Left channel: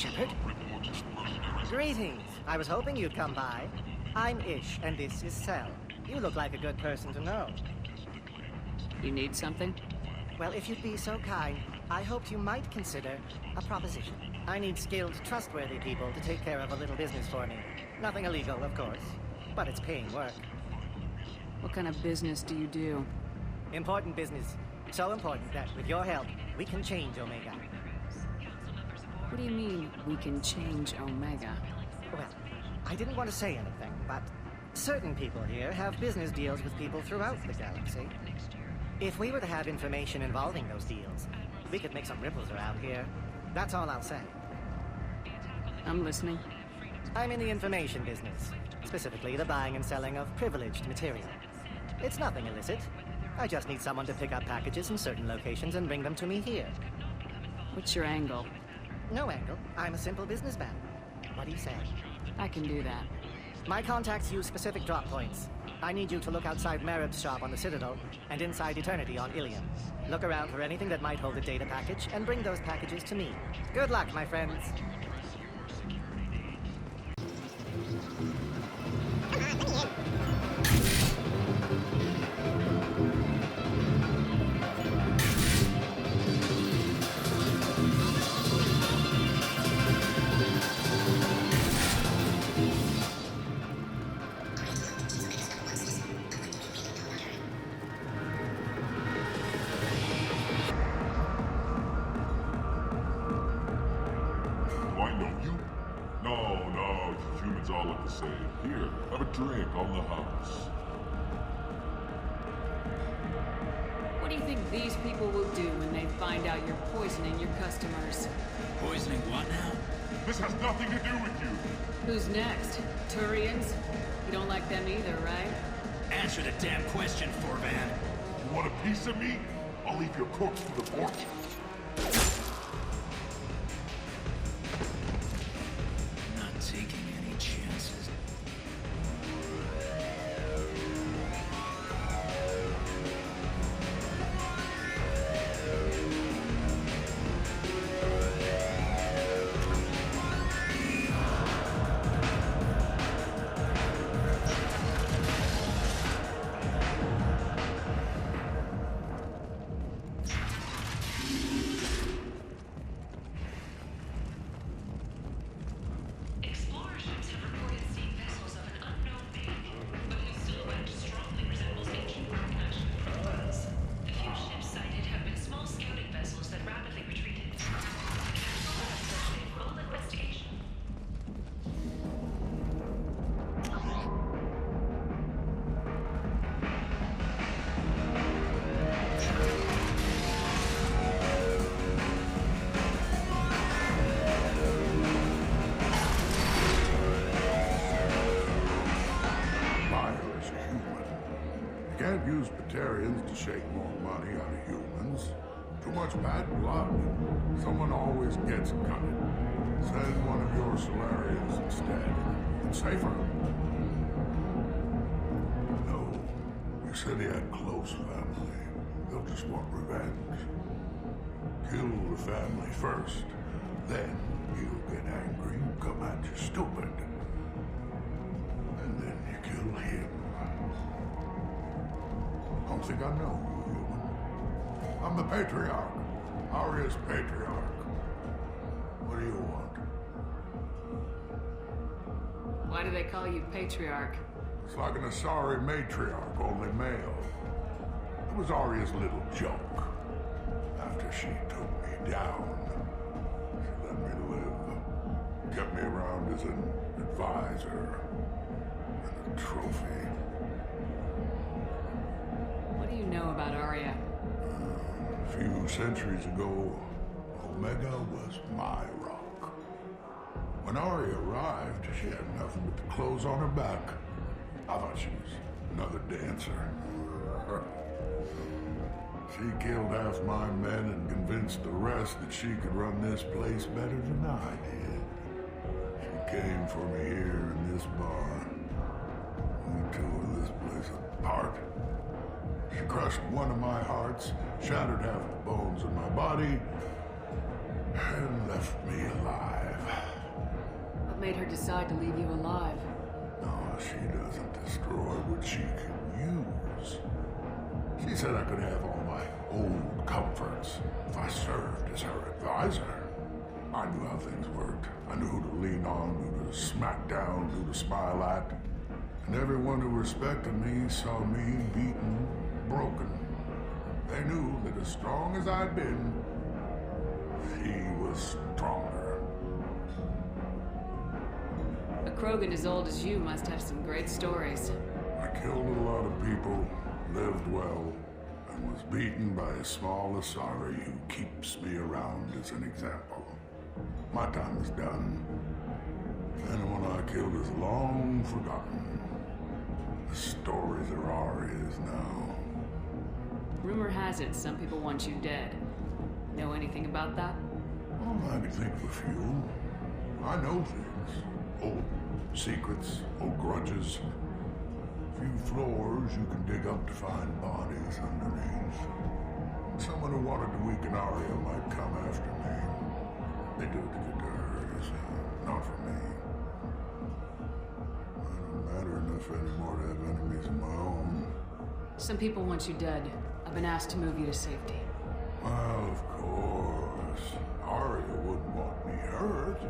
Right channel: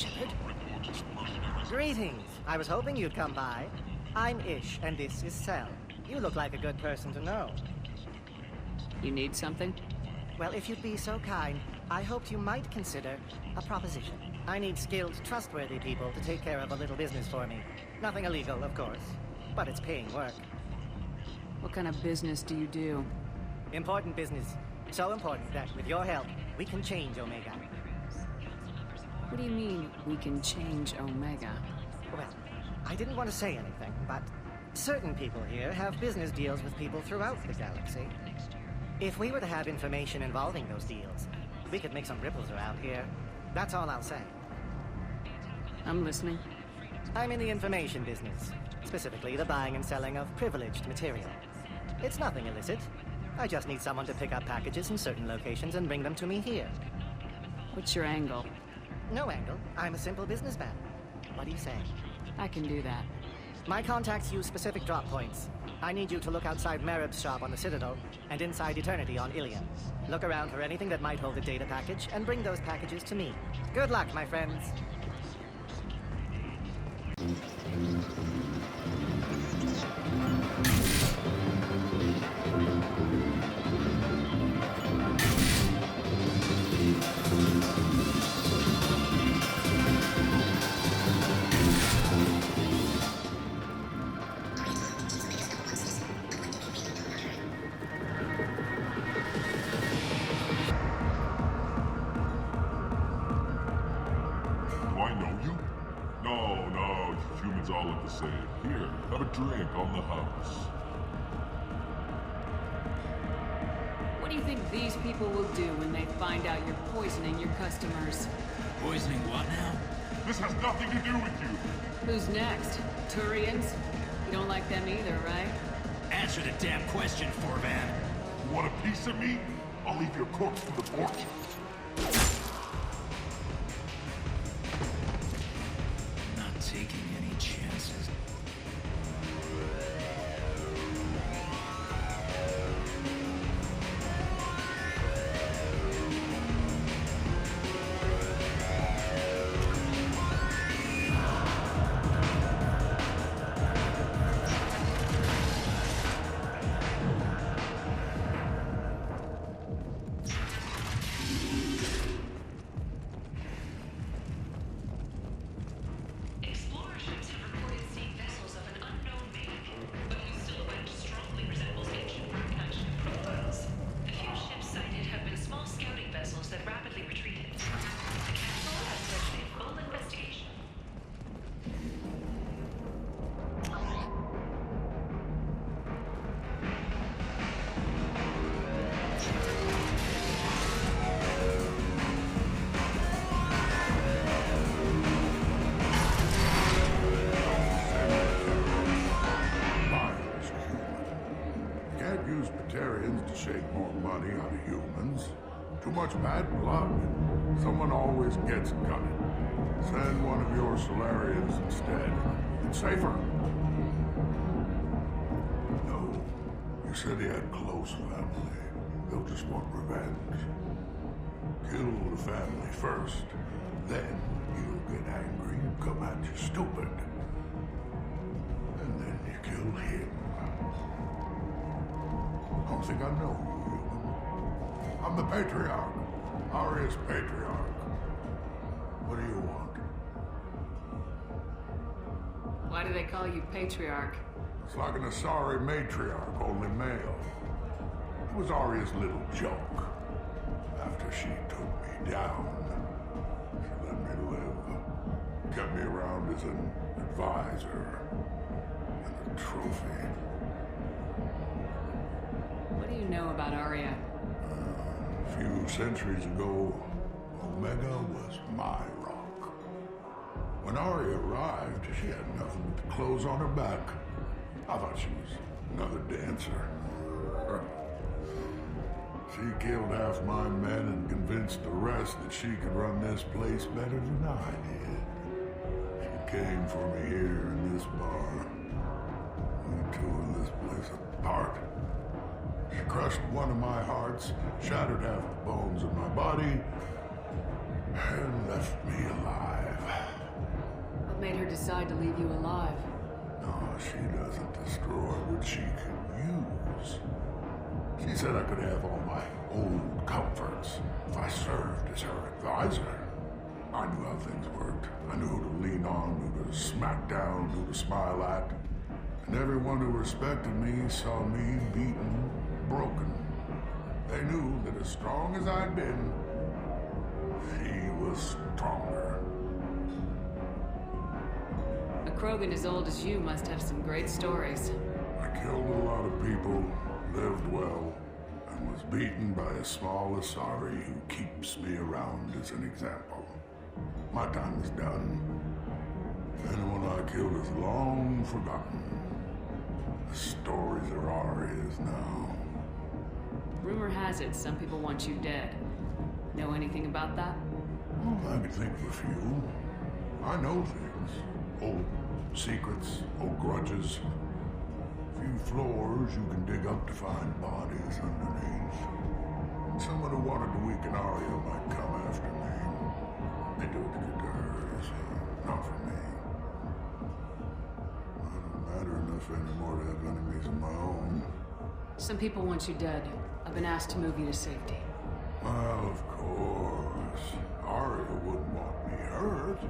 Shepard. Greetings. I was hoping you'd come by. I'm Ish, and this is Cell. You look like a good person to know. You need something? Well, if you'd be so kind, I hoped you might consider a proposition. I need skilled, trustworthy people to take care of a little business for me. Nothing illegal, of course, but it's paying work. What kind of business do you do? Important business. So important that, with your help, we can change Omega. What do you mean, we can change Omega? Well, I didn't want to say anything, but certain people here have business deals with people throughout the galaxy. If we were to have information involving those deals, we could make some ripples around here. That's all I'll say. I'm listening. I'm in the information business, specifically the buying and selling of privileged material. It's nothing illicit. I just need someone to pick up packages in certain locations and bring them to me here. What's your angle? No angle. I'm a simple businessman. What do you say? I can do that. My contacts use specific drop points. I need you to look outside Marib's shop on the Citadel and inside Eternity on Ilium. Look around for anything that might hold a data package and bring those packages to me. Good luck, my friends. Do I know you? No, you humans all look the same. Here, have a drink on the house. What do you think these people will do when they find out you're poisoning your customers? Poisoning what now? This has nothing to do with you. Who's next? Turians? You don't like them either, right? Answer the damn question, Forvan. You want a piece of me? I'll leave your corpse for the fortune. Not taking any chances. Explorer ships have reported seeing vessels of an unknown make, but whose silhouette strongly resembles ancient Rachni ship profiles. The few ships sighted have been small scouting vessels that rapidly retreated. Full investigation. Buyer is a human. You can't use Batarians to shake more money out of humans. Too much bad blood. Someone always gets gutted. Send one of your Solarians instead. It's safer. No. You said he had close family. They'll just want revenge. Kill the family first. Then he'll get angry and come at you stupid. And then you kill him. Don't think I know you, human. I'm the Patriarch. Aria's Patriarch. What do you want? Why do they call you Patriarch? It's like an Asari matriarch, only male. It was Aria's little joke. After she took me down, she let me live. Kept me around as an advisor and a trophy. What do you know about Arya? A few centuries ago, Omega was my rock. When Arya arrived, she had nothing but the clothes on her back. I thought she was another dancer. She killed half my men and convinced the rest that she could run this place better than I did. She came for me here in this bar. We tore this place apart. She crushed one of my hearts, shattered half the bones in my body, and left me alive. What made her decide to leave you alive? No, she doesn't destroy what she can use. She said I could have all my old comforts if I served as her advisor. I knew how things worked. I knew who to lean on, who to smack down, who to smile at. And everyone who respected me saw me beaten, broken. They knew that as strong as I'd been, she was stronger. A Krogan as old as you must have some great stories. I killed a lot of people, lived well, and was beaten by a small Asari who keeps me around as an example. My time is done. Anyone I killed is long forgotten. The stories are ours now. Rumor has it some people want you dead. Know anything about that? Oh, I could think of a few. I know things. Old secrets, old grudges. Few floors you can dig up to find bodies underneath. Someone who wanted to weaken Arya might come after me. They do it to get to her, you see. Not for me. I don't matter enough anymore to have enemies of my own. Some people want you dead. I've been asked to move you to safety. Well, of course. Arya wouldn't want me hurt.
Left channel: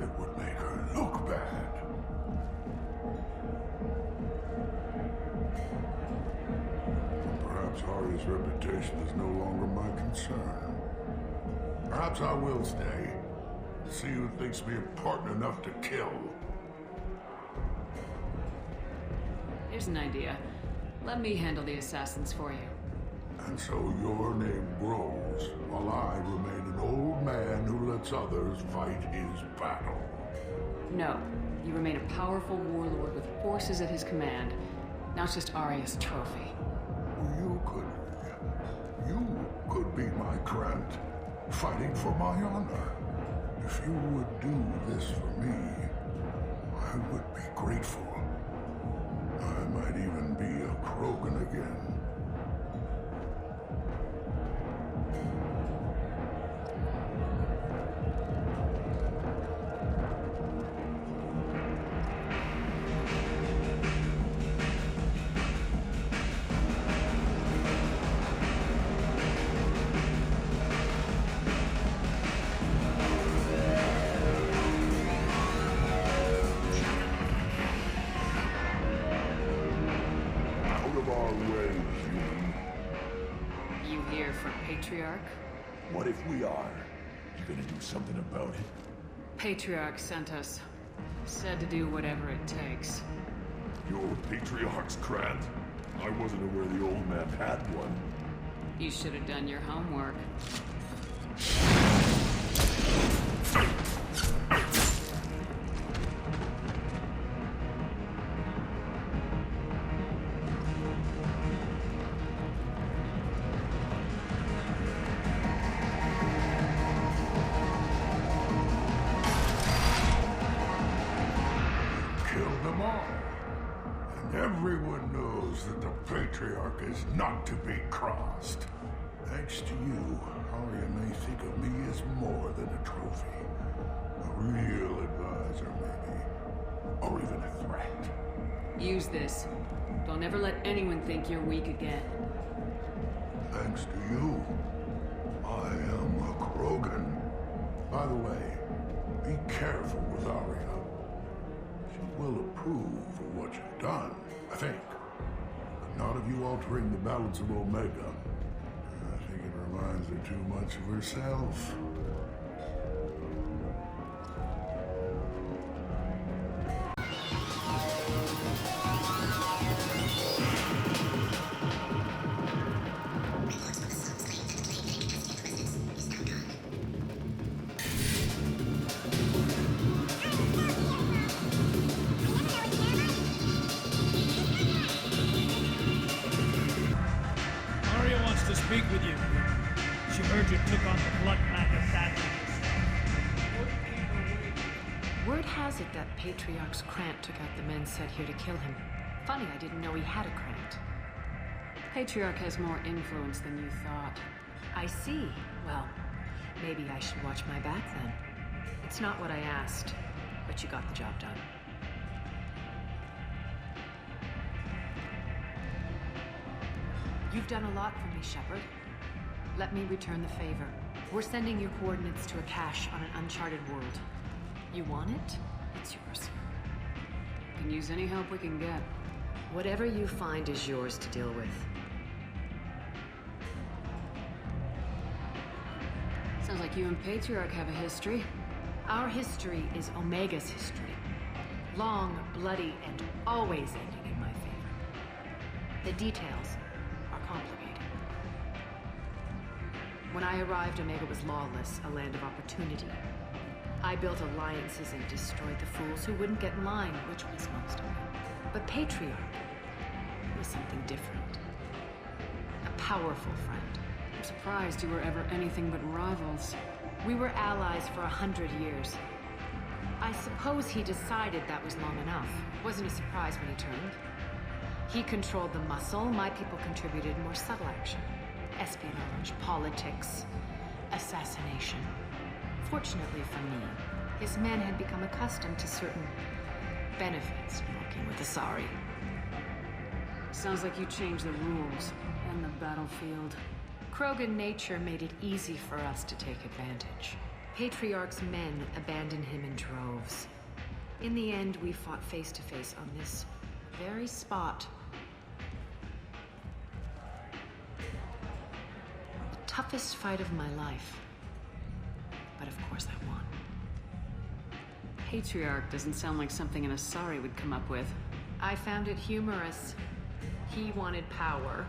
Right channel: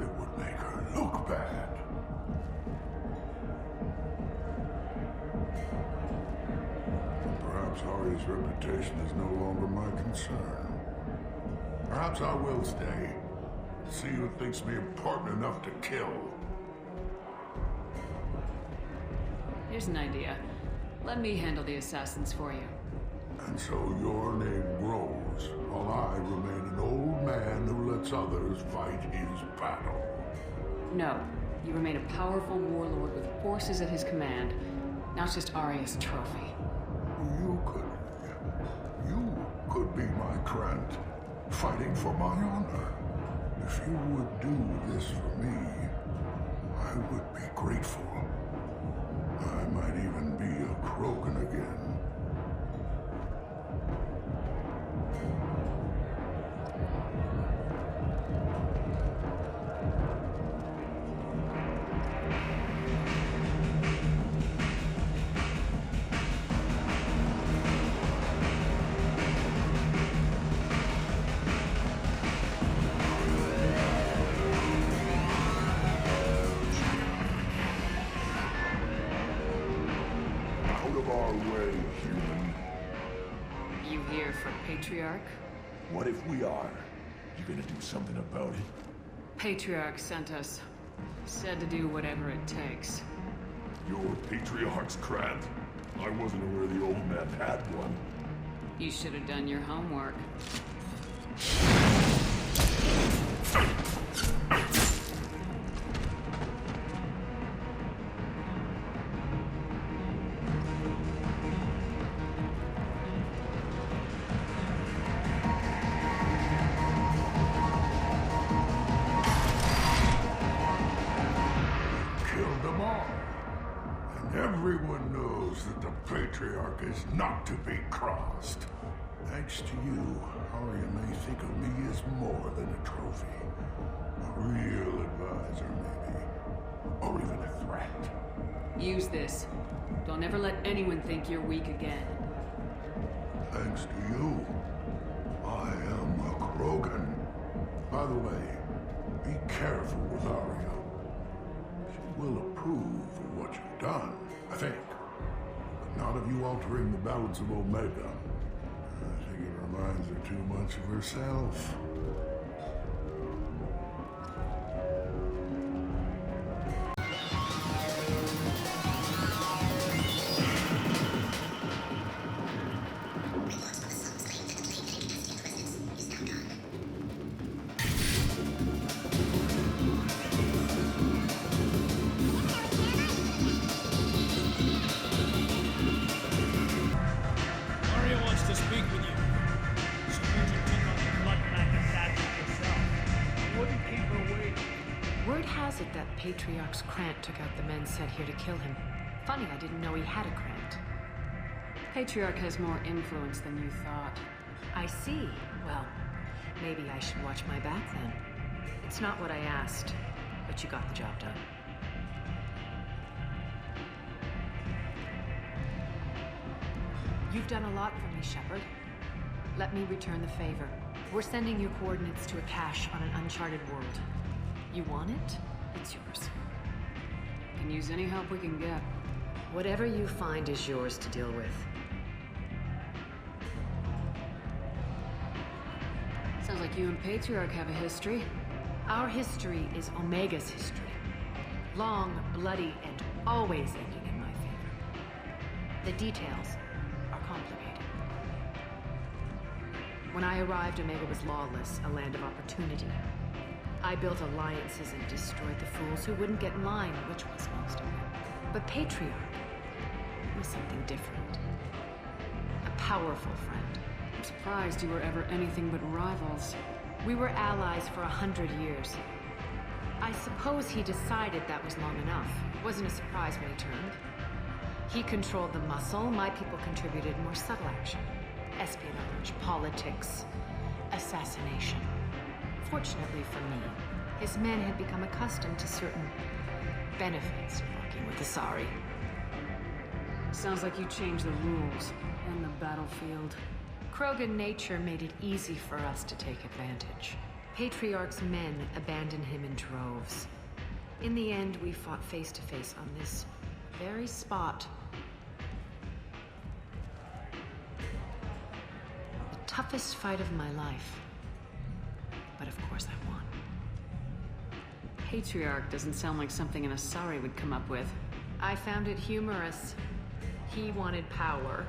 It would make her look bad. Perhaps Arya's reputation is no longer my concern. Perhaps I will stay. See who thinks me important enough to kill. Here's an idea. Let me handle the assassins for you. And so your name grows, while I remain an old man who lets others fight his battle. No. You remain a powerful warlord with forces at his command. Now it's just Arya's trophy. You could be my Krant, fighting for my honor. If you would do this for me, I would be grateful. I might even be a Krogan again. Out of our way, human. You here for Patriarch? What if we are? You gonna do something about it? Patriarch sent us. Said to do whatever it takes. Your Patriarch's Krant? I wasn't aware the old man had one. You should have done your homework. Killed them all. And everyone knows that the Patriarch is not to be crossed. Thanks to you, Arya may think of me as more than a trophy. A real advisor, maybe. Or even a threat. Use this. Don't ever let anyone think you're weak again. Thanks to you, I am a Krogan. By the way, be careful with Arya. She will approve of what you've done, I think. But not of you altering the balance of Omega. I think it reminds her too much of herself. Arya wants to speak with you. She heard you took on the Word has it that Patriarch's Krant took out the men sent here to kill him. Funny, I didn't know he had a Krant. Patriarch has more influence than you thought. I see. Well, Maybe I should watch my back then. It's not what I asked, but you got the job done. You've done a lot for me, Shepard. Let me return the favor. We're sending your coordinates to a cache on an uncharted world. You want it? It's yours. Can use any help we can get. Whatever you find is yours to deal with. Sounds like you and Patriarch have a history. Our history is Omega's history. Long, bloody, and always ending in my favor. The details are complicated. When I arrived, Omega was lawless, a land of opportunity. I built alliances and destroyed the fools who wouldn't get in line, which was most of them. But Patriarch was something different. A powerful friend. I'm surprised you were ever anything but rivals. We were allies for 100 years. I suppose he decided that was long enough. Wasn't a surprise when he turned. He controlled the muscle, my people contributed more subtle action. Espionage, politics, assassination. Fortunately for me, his men had become accustomed to certain benefits of working with Asari. Sounds like you changed the rules and the battlefield. Krogan nature made it easy for us to take advantage. Patriarch's men abandoned him in droves. In the end, we fought face to face on this very spot. The toughest fight of my life. But of course I won. Patriarch doesn't sound like something an Asari would come up with. I found it humorous. He wanted power,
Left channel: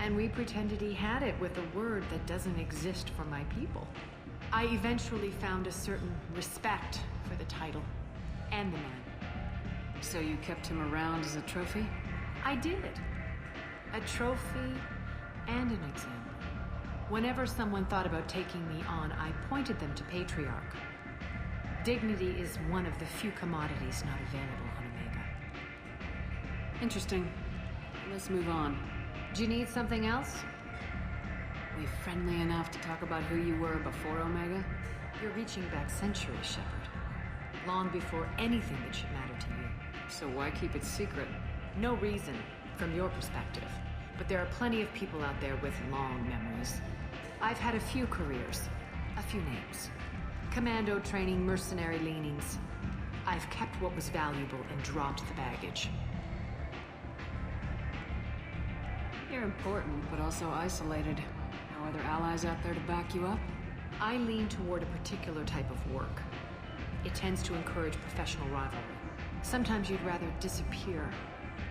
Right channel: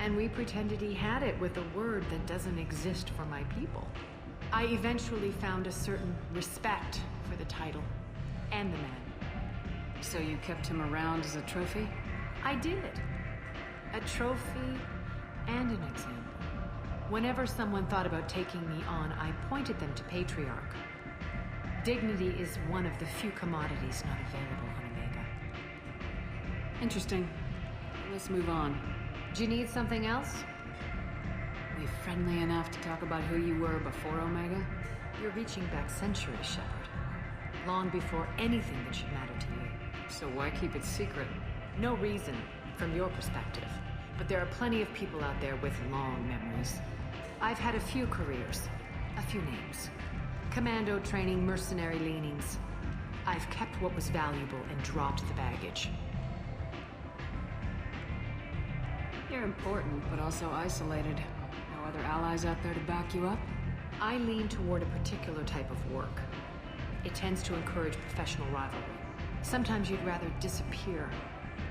and we pretended he had it with a word that doesn't exist for my people. I eventually found a certain respect for the title and the man. So you kept him around as a trophy? I did. A trophy and an example. Whenever someone thought about taking me on, I pointed them to Patriarch. Dignity is one of the few commodities not available on Omega. Interesting. Let's move on. Do you need something else? We friendly enough to talk about who you were before Omega? You're reaching back centuries, Shepard. Long before anything that should matter to you. So why keep it secret? No reason, from your perspective. But there are plenty of people out there with long memories. I've had a few careers, a few names. Commando training, mercenary leanings. I've kept what was valuable and dropped the baggage. You're important, but also isolated. No other allies out there to back you up? I lean toward a particular type of work. It tends to encourage professional rivalry. Sometimes you'd rather disappear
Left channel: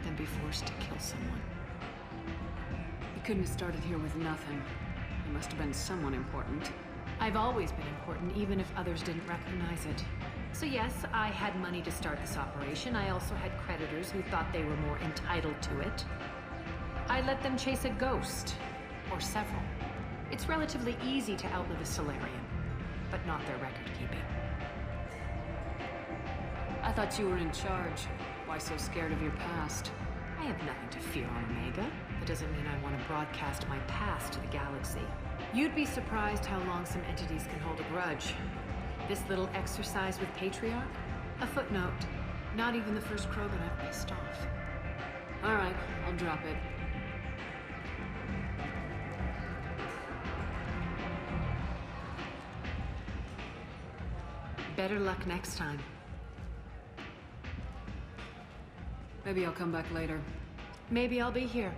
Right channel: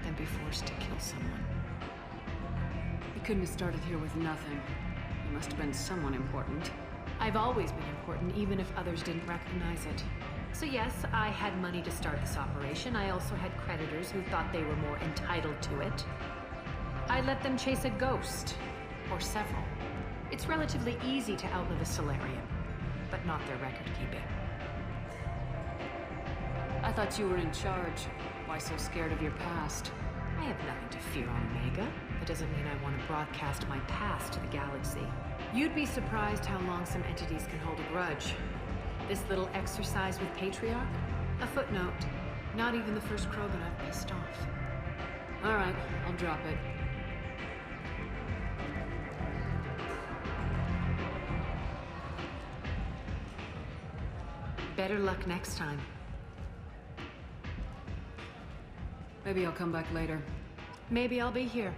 than be forced to kill someone. You couldn't have started here with nothing. You must have been someone important. I've always been important, even if others didn't recognize it. So yes, I had money to start this operation. I also had creditors who thought they were more entitled to it. I let them chase a ghost, or several. It's relatively easy to outlive a Solarian, but not their record-keeping. I thought you were in charge. Why so scared of your past? I have nothing to fear on Omega. That doesn't mean I want to broadcast my past to the galaxy. You'd be surprised how long some entities can hold a grudge. This little exercise with Patriarch? A footnote. Not even the first Krogan I've pissed off. All right, I'll drop it. Better luck next time. Maybe I'll come back later. Maybe I'll be here.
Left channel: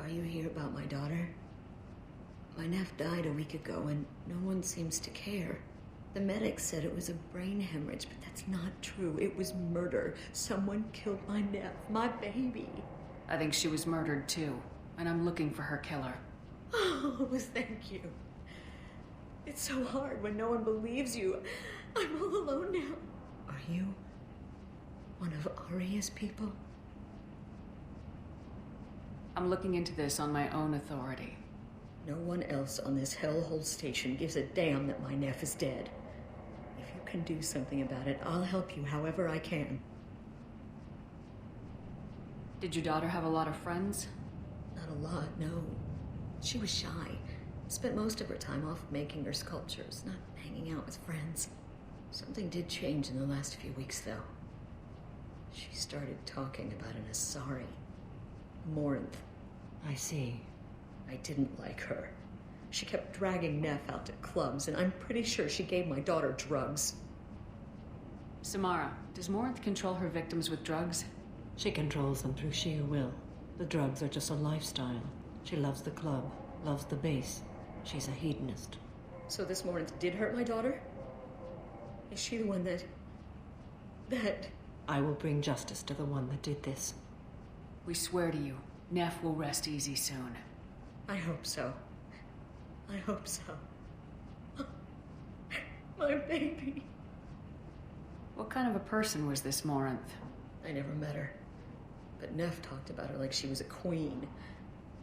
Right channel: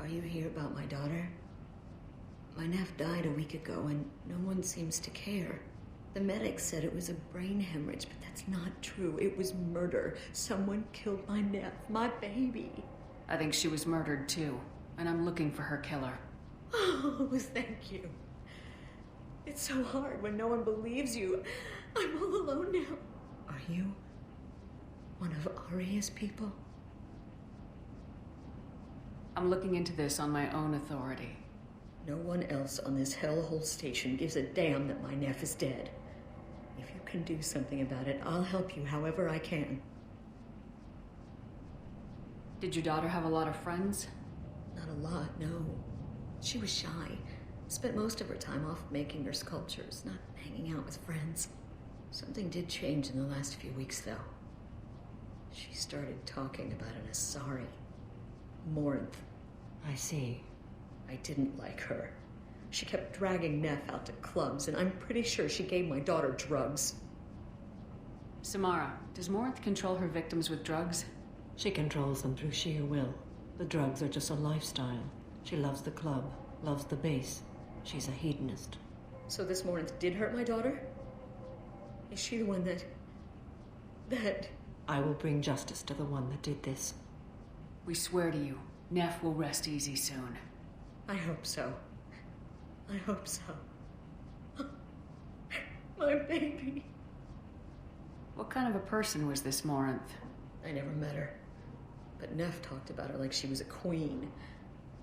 Are you here about my daughter? My nephew died a week ago and no one seems to care. The medics said it was a brain hemorrhage, but that's not true. It was murder. Someone killed my Neff, my baby. I think she was murdered too, and I'm looking for her killer. Oh, thank you. It's so hard when no one believes you. I'm all alone now. Are you one of Aria's people? I'm looking into this on my own authority. No one else on this hellhole station gives a damn that my Neff is dead. If you can do something about it, I'll help you however I can. Did your daughter have a lot of friends? Not a lot, no. She was shy. Spent most of her time off making her sculptures, not hanging out with friends. Something did change in the last few weeks, though. She started talking about an Asari. Morinth. I see. I didn't like her. She kept dragging Neff out to clubs, and I'm pretty sure she gave my daughter drugs. Samara, does Morinth control her victims with drugs? She controls them through sheer will. The drugs are just a lifestyle. She loves the club, loves the base. She's a hedonist. So this Morinth did hurt my daughter? Is she the one that... I will bring justice to the one that did this. We swear to you, Neff will rest easy soon. I hope so. I hope so. My baby. What kind of a person was this Morinth? I never met her. But Neff talked about her like she was a queen.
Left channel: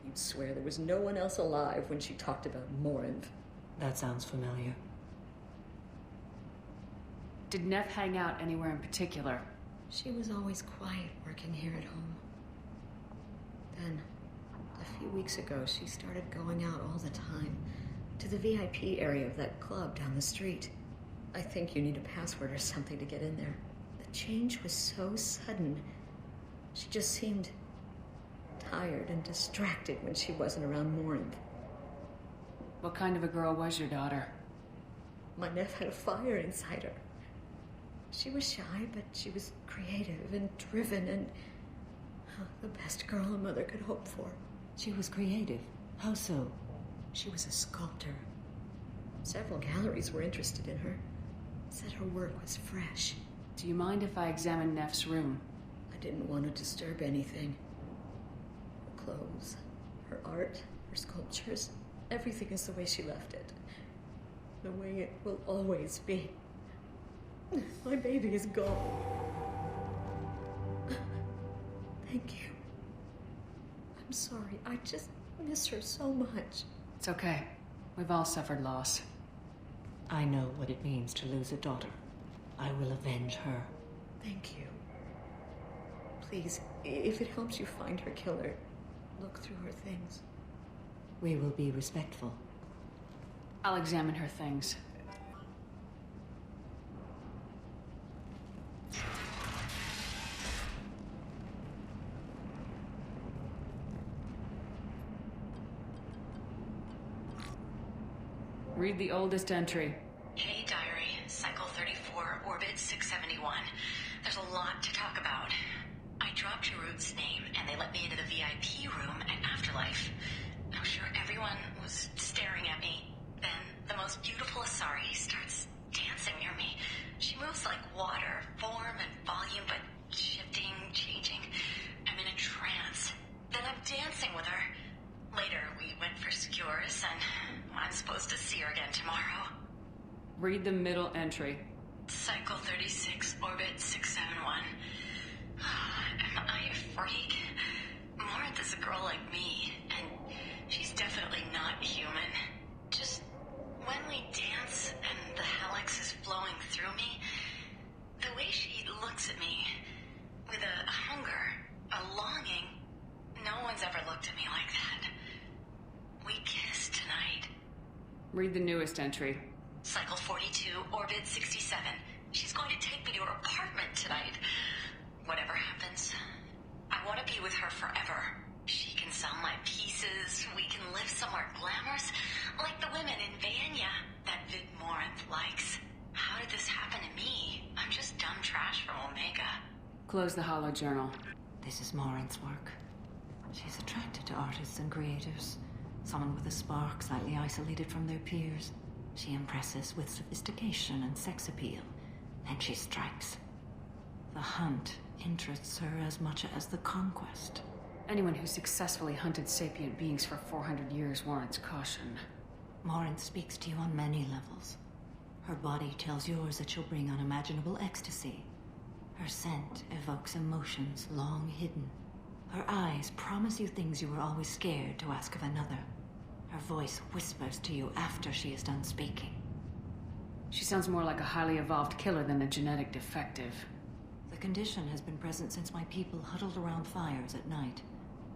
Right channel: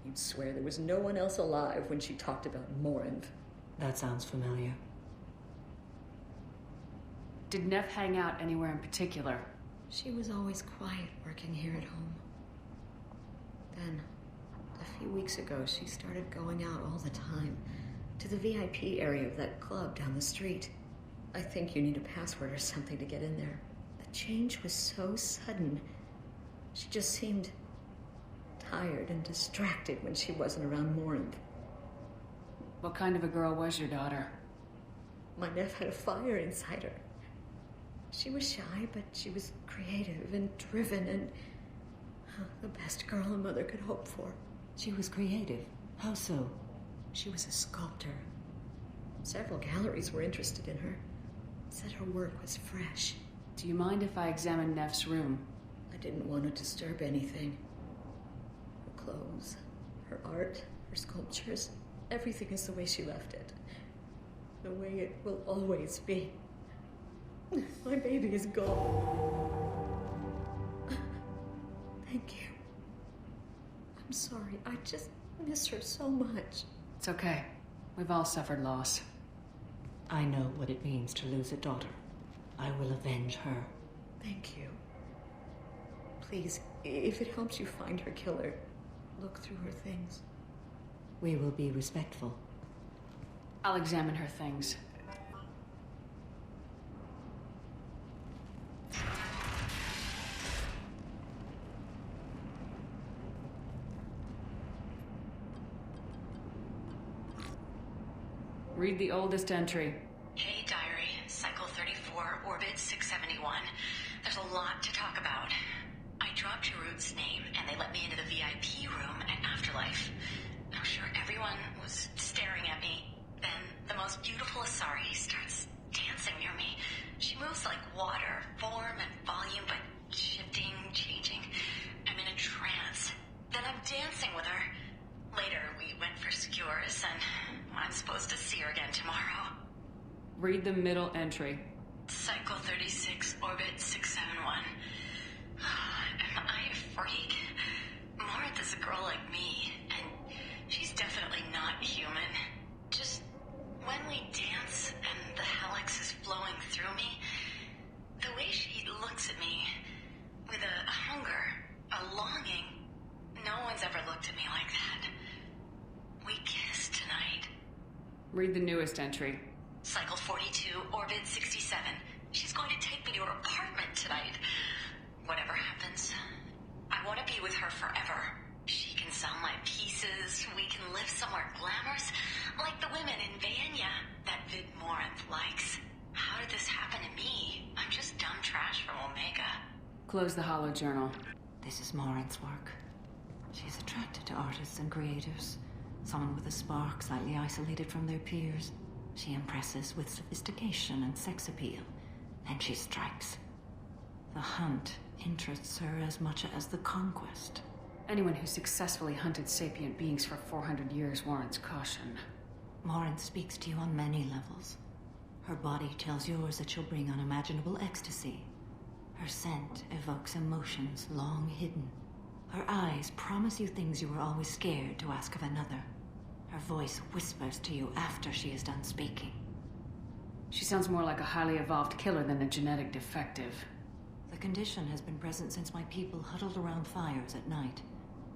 You'd swear there was no one else alive when she talked about Morinth. That sounds familiar. Did Neff hang out anywhere in particular? She was always quiet working here at home. Then, a few weeks ago, she started going out all the time. To the VIP area of that club down the street. I think you need a password or something to get in there. The change was so sudden. She just seemed tired and distracted when she wasn't around Morinth. What kind of a girl was your daughter? My Neff had a fire inside her. She was shy, but she was creative and driven and the best girl a mother could hope for. She was creative. How so? She was a sculptor. Several galleries were interested in her. Said her work was fresh. Do you mind if I examine Neff's room? I didn't want to disturb anything. Her clothes, her art, her sculptures, everything is the way she left it. The way it will always be. My baby is gone. Thank you. I'm sorry. I just miss her so much. It's okay. We've all suffered loss. I know what it means to lose a daughter. I will avenge her. Thank you. Please, if it helps you find her killer, look through her things. We will be respectful. I'll examine her things. Read the oldest entry. Hey, Diary. Cycle 34, Orbit 671. There's a lot to talk about. I dropped Jarut's name, and they let me into the VIP room at Afterlife. I'm sure everyone was staring at me. Then, the most beautiful Asari starts dancing near me. She moves like water, form and volume, but shifting, changing. I'm in a trance. Then I'm dancing with her. Later, we went for skewers, and I'm supposed to see her again tomorrow. Read the middle entry. Cycle 36, Orbit 671. Am I a freak? Morinth is a girl like me, and she's definitely not human. Just when we dance and the helix is flowing through me, the way she looks at me with a hunger, a longing, no one's ever looked at me like that. We kissed tonight. Read the newest entry. Cycle 42, Orbit 67. She's going to take me to her apartment tonight. Whatever happens, I want to be with her forever. She can sell my pieces. We can live somewhere glamorous, like the women in Vanya that Vid Morinth likes. How did this happen to me? I'm just dumb trash from Omega. Close the hollow journal. This is Morinth's work. She's attracted to artists and creators. Someone with a spark, slightly isolated from their peers. She impresses with sophistication and sex appeal. Then she strikes. The hunt interests her as much as the conquest. Anyone who successfully hunted sapient beings for 400 years warrants caution. Morinth speaks to you on many levels. Her body tells yours that she'll bring unimaginable ecstasy. Her scent evokes emotions long hidden. Her eyes promise you things you were always scared to ask of another. Her voice whispers to you after she is done speaking. She sounds more like a highly evolved killer than a genetic defective. The condition has been present since my people huddled around fires at night.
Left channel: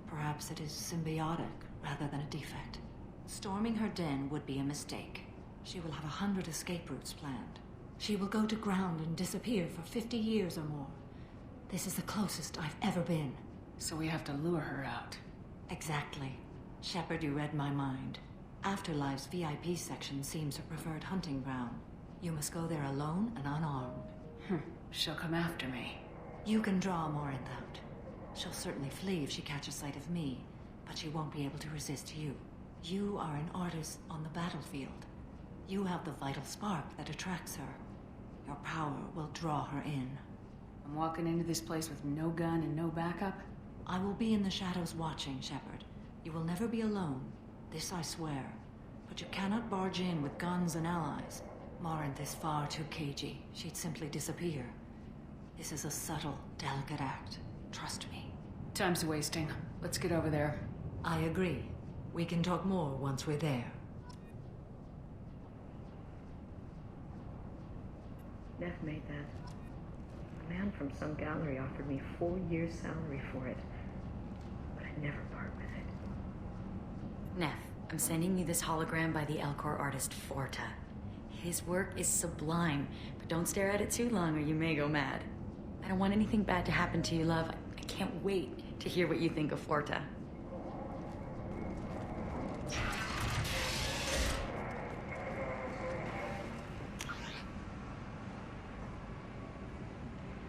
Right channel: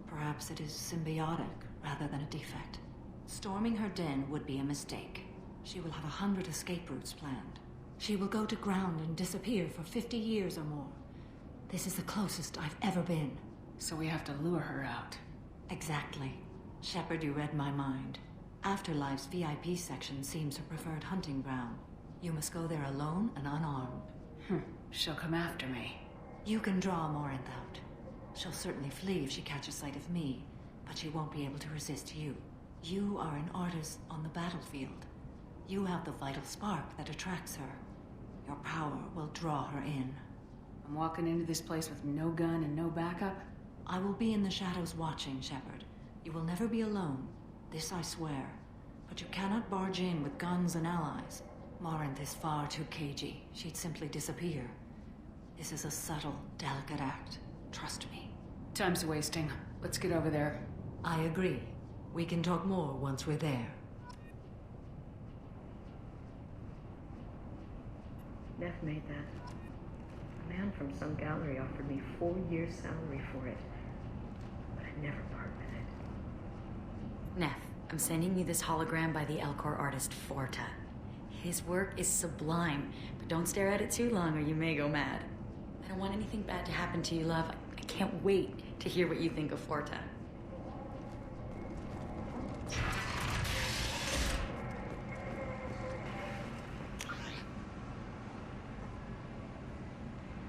Perhaps it is symbiotic rather than a defect. Storming her den would be a mistake. She will have 100 escape routes planned. She will go to ground and disappear for 50 years or more. This is the closest I've ever been. So we have to lure her out. Exactly. Shepard, you read my mind. Afterlife's VIP section seems her preferred hunting ground. You must go there alone and unarmed. She'll come after me. You can draw Morinth out. She'll certainly flee if she catches sight of me, but she won't be able to resist you. You are an artist on the battlefield. You have the vital spark that attracts her. Your power will draw her in. I'm walking into this place with no gun and no backup? I will be in the shadows watching, Shepard. You will never be alone. This I swear. But you cannot barge in with guns and allies. Morinth is far too cagey. She'd simply disappear. This is a subtle, delicate act. Trust me. Time's wasting. Let's get over there. I agree. We can talk more once we're there. Neff, I'm sending you this hologram by the Elcor artist Forta. His work is sublime, but don't stare at it too long or you may go mad. I don't want anything bad to happen to you, love. I can't wait to hear what you think of Forta.